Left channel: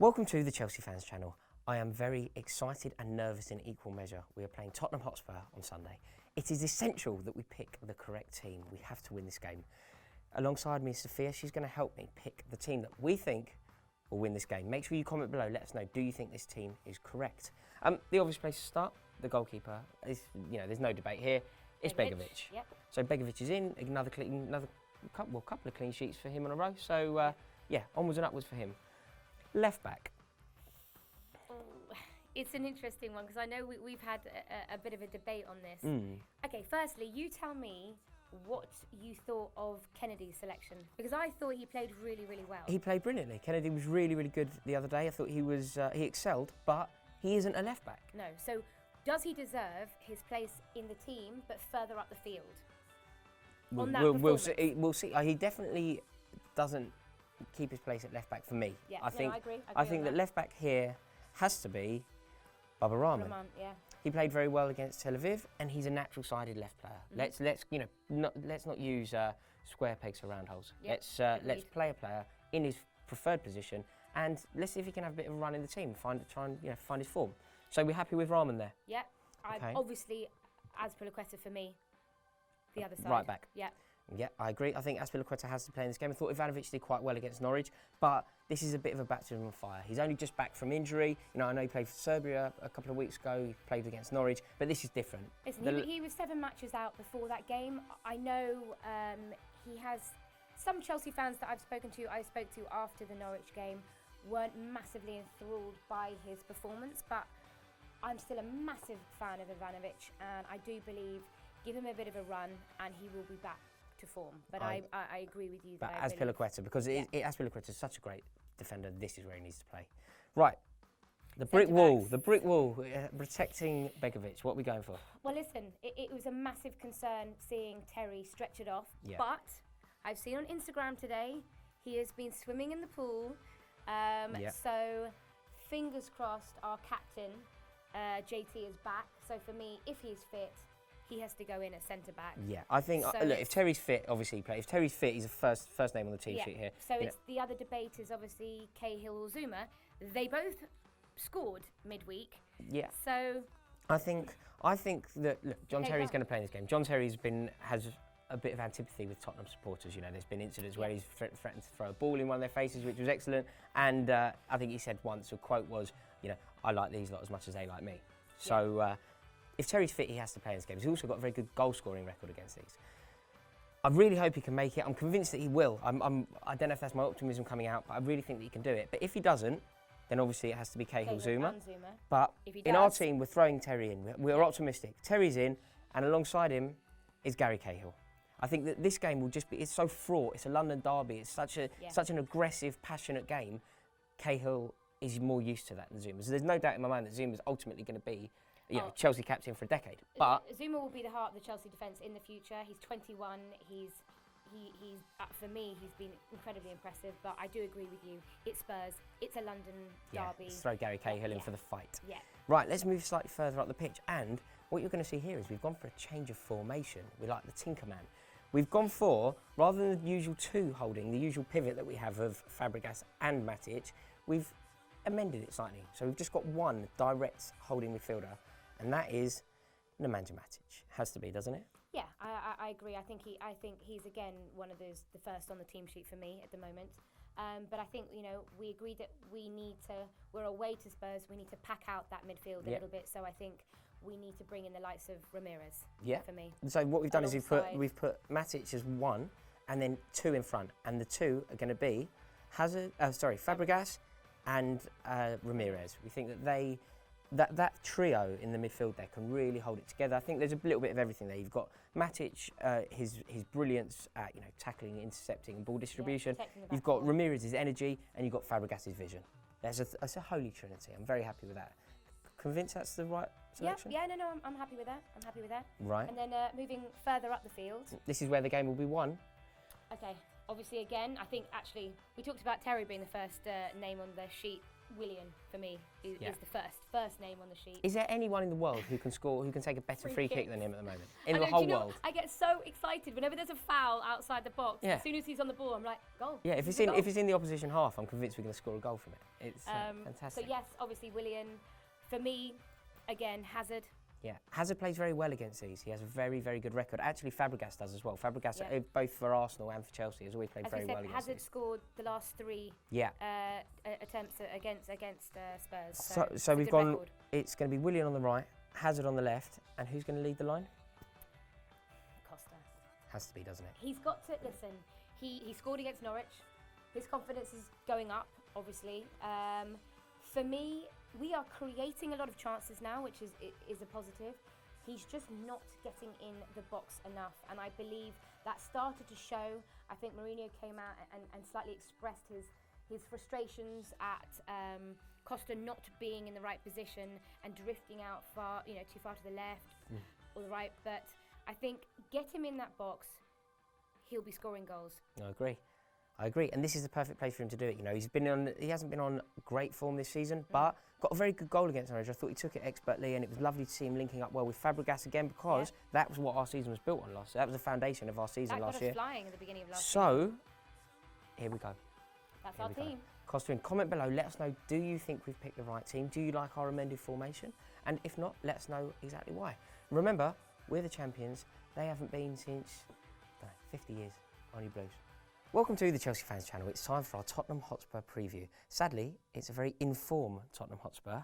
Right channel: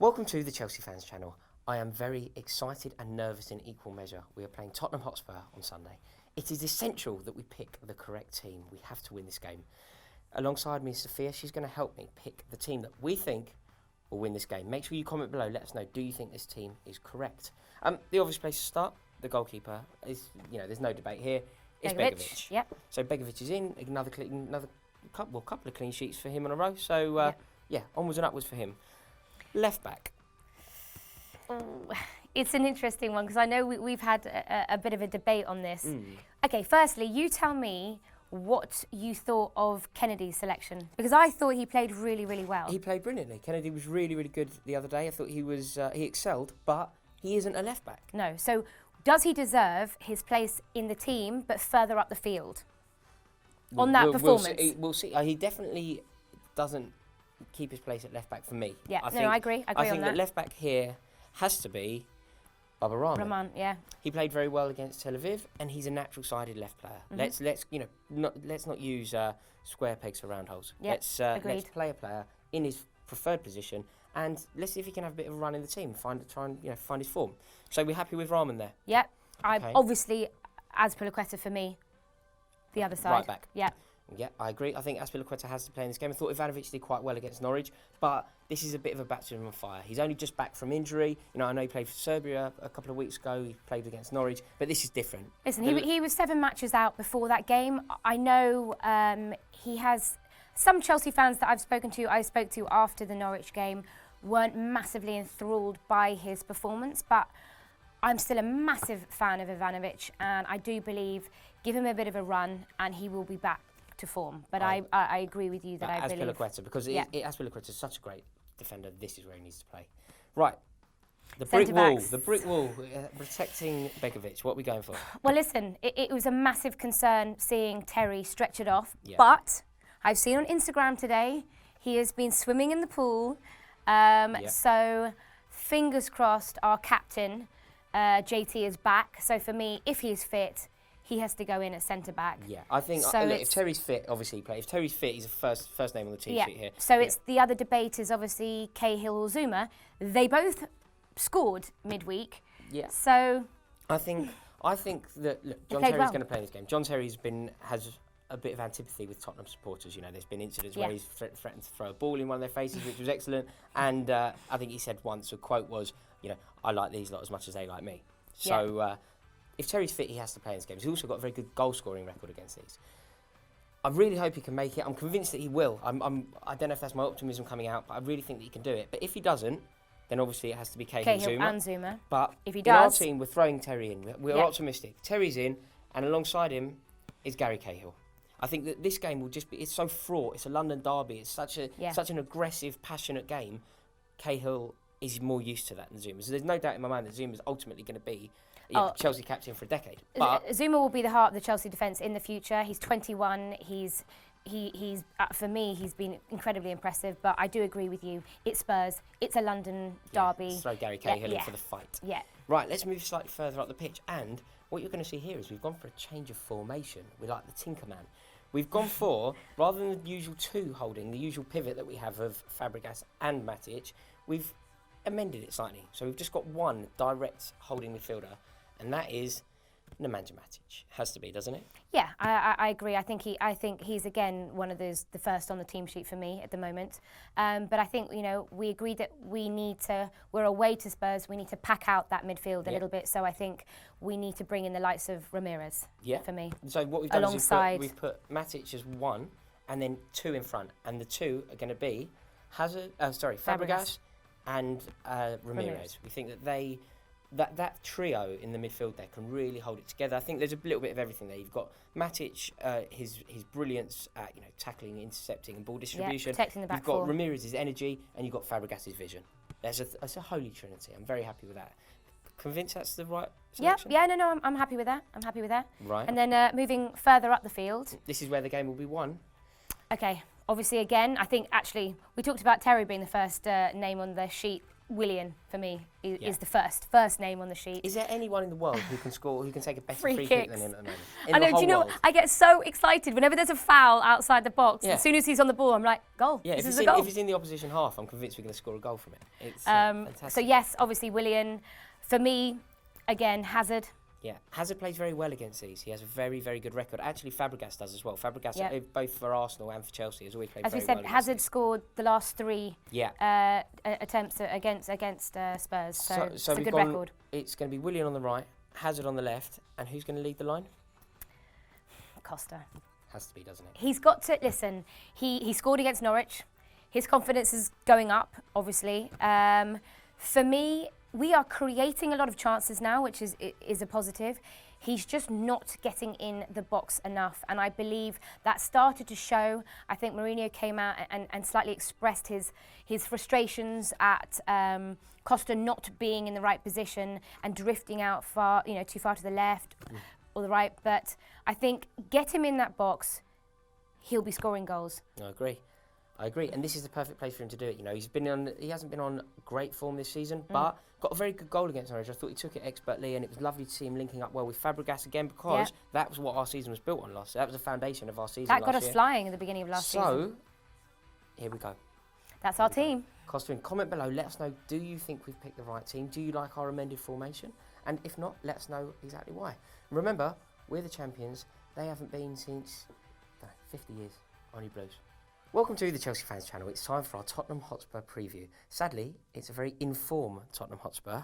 Welcome to the Chelsea Fans Channel. I am very excited and nervous in equal measure. We are playing Tottenham Hotspur on Sunday. It is essential that we pick the correct team. We have to win this game. Alongside me is Sophia. She's going to help me pick the team that we think will win this game. Make sure you comment below. Let us know, do you think this team is correct? The obvious place to start, the goalkeeper, is, there's no debate here. It's Begovic. Yep. So Begovic is in. Another couple of clean sheets for him in a row. So, onwards and upwards for him. Left back. It's an interesting one because I know we've had a bit of a debate on this. Okay, firstly, you tell me what you thought of Kennedy's selection, because I thought he played really, really well. He played brilliantly. Kennedy was really, really good the other day. I thought he excelled, but he isn't a left back. No, so does he deserve his place in the team but further up the field on that performance? We'll see. He definitely doesn't keep his place at left back for me. Yeah, I agree. I think on that left back here has to be Baba Rahman. Yeah. He played very well against Tel Aviv, and he's a natural-sided left player. Let's not use square pegs for round holes. Yep, Let's play a player in his preferred position, and let's see if he can have a bit of a run in the team. Try and find his form. So we're happy with Rahman there. Yep. Okay. Obviously, Azpilicueta for me, the other side. Right back. Yeah. Yeah, I agree. I think Azpilicueta has to play in this game. I thought Ivanovic did quite well against Norwich, but this is a bit of a baptism of fire. He's only just back from injury. I know he played for Serbia a couple of weeks ago. He played against Norwich, but this is different. Listen, he was 7 matches out before that game. I know he has some Chelsea fans that I spoke to after the Norwich game, weren't massively enthralled by his performance, but I'm still a massive fan of Ivanovic, and I do believe give him a bit of a run and he will be back to form. But I agree with you that I believe Azpilicueta, because Azpilicueta is such a great defender. This is where he needs to play. Right, the brick wall, protecting Begovic. What are we going for? Well, listen, it was a massive concern seeing Terry stretch it off, Yeah. but I've seen on Instagram today he has been swimming in the pool. So fingers crossed, our captain JT is back. So for me, if he is fit, he has to go in at centre back. Yeah, I think if Terry's fit, obviously he plays. If Terry's fit, he's the first name on the team sheet here. So it's the other debate is obviously Cahill or Zuma. They both scored midweek. Yeah. So I think that John Terry's going to play this game. John Terry's has a bit of antipathy with Tottenham supporters. There's been incidents where he's threatened to throw a ball in one of their faces, which was excellent. And I think he said once, a quote was, I like these lot as much as they like me. So if Terry's fit, he has to play in this game. He's also got a very good goal-scoring record against these. I really hope he can make it. I'm convinced that he will. I don't know if that's my optimism coming out, but I really think that he can do it. But if he doesn't, then obviously it has to be Cahill and Zuma. But if he in our does, team, we're throwing Terry in. We're optimistic. Terry's in, and alongside him is Gary Cahill. I think that this game will just be—it's so fraught. It's a London derby. It's such an aggressive, passionate game. Cahill is more used to that than Zuma. So there's no doubt in my mind that Zuma's ultimately going to be Chelsea captain for a decade. But Zuma will be the heart of the Chelsea defence in the future. He's 21. He's for me, he's been incredibly impressive. But I do agree with you. It's Spurs. It's a London derby. Throw Gary Cahill in for the fight. Yeah. Right. Let's move slightly further up the pitch. And what you're going to see here is we've gone for a change of formation. We like the Tinkerman. We've gone for, rather than the usual two holding, the usual pivot that we have of Fabregas and Matic, we've amended it slightly. So we've just got one direct holding midfielder, and that is Nemanja Matic. Has to be, doesn't it? Yeah, I agree. I think he's again one of the first on the team sheet for me at the moment. But I think we agreed that we're away to Spurs. We need to pack out that midfield a little bit. So I think we need to bring in the likes of Ramirez. Yeah. For me. So what we've done is we've put Matic as one, and then two in front, and the two are going to be Fabregas and Ramirez. We think that that trio in the midfield there can really hold it together. I think there's a little bit of everything there. You've got Matic, his brilliance at tackling, intercepting, and ball distribution. Protecting the back You've got four. Ramirez's energy, and you've got Fabregas's vision. That's a holy trinity. I'm very happy with that. Convinced that's the right selection? No, I'm happy with that. Right. And then moving further up the field. This is where the game will be won. Okay, obviously, again, I think actually we talked about Terry being the first name on the sheet. Willian, for me, is the first name on the sheet. Is there anyone in the world who can score, who can take a better free kick than him at the moment? I know, do you know, I get so excited whenever there's a foul outside the box. Yeah. As soon as he's on the ball, I'm like, goal. Yeah, if he's in the opposition half, I'm convinced we're going to score a goal from it. It's fantastic. So yes, obviously Willian. For me, again, Hazard. Yeah, Hazard plays very well against these. He has a very, very good record. Actually, Fabregas does as well. Fabregas, both for Arsenal and for Chelsea, has always played very well. As we said, Hazard scored the last 3 attempts against Spurs. So it's a good record. It's going to be Willian on the right, Hazard on the left, and who's going to lead the line? Costa. Has to be, doesn't it? He's got to listen. He scored against Norwich. His confidence is going up, obviously. For me, we are creating a lot of chances now, which is a positive. He's just not getting in the box enough, and I believe that started to show. I think Mourinho came out and slightly expressed his frustrations at Costa not being in the right position and drifting out too far to the left or the right. But I think get him in that box, he'll be scoring goals. I agree, and this is the perfect place for him to do it. You know, he hasn't been on great form this season, but got a very good goal against Norwich. I thought he took it expertly, and it was lovely to see him linking up well with Fabregas again, because that was what our season was built on last. That was the foundation of our season. That got us flying at the beginning of last season. So, here we go. That's our team. Costa, comment below. Let us know. Do you think we've picked the right team? Do you like our amended formation? And if not, let us know exactly why. Remember, we're the champions. They haven't been since 50 years. Only Blues. Welcome to the Chelsea Fans Channel. It's time for our Tottenham Hotspur preview. Sadly, it's a very informed Tottenham Hotspur.